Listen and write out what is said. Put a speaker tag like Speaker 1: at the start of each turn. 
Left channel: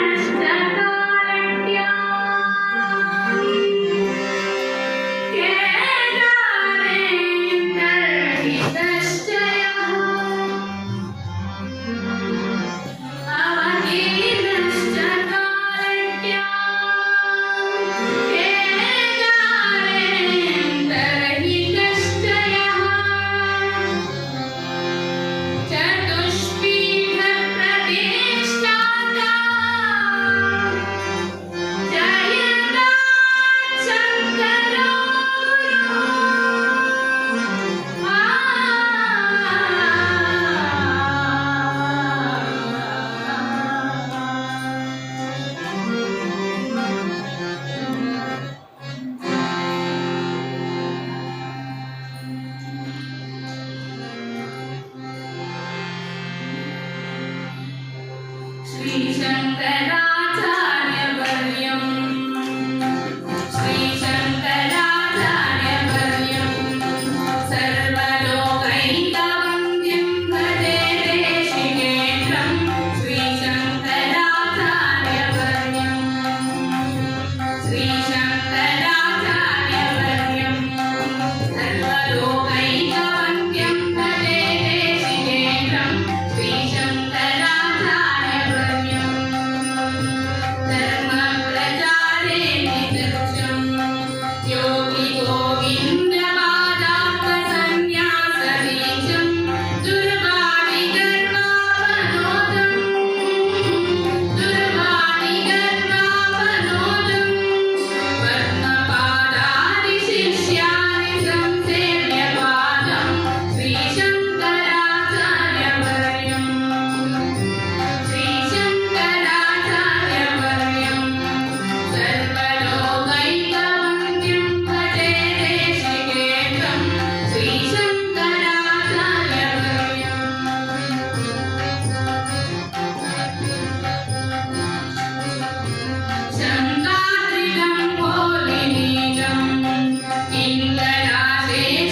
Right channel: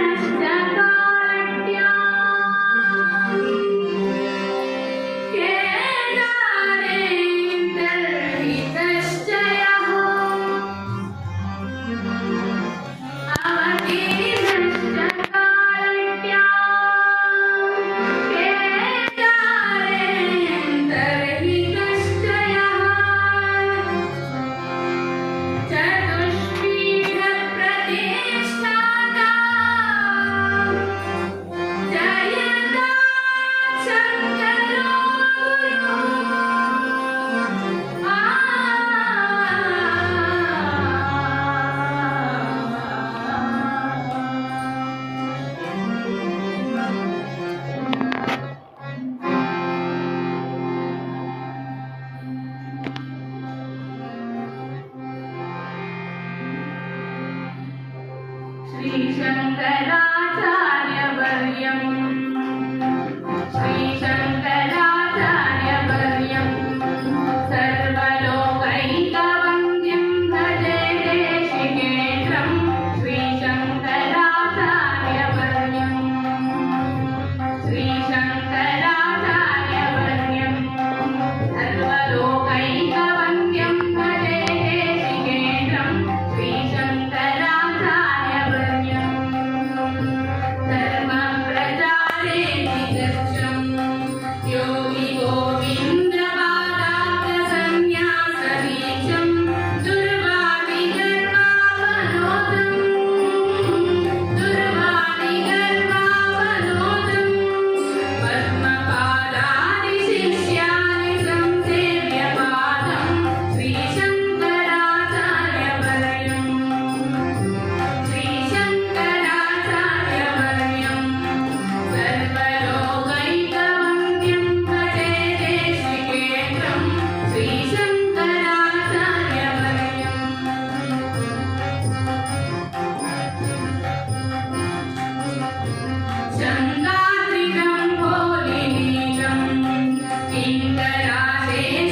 Speaker 1: hashtag मंगलाशे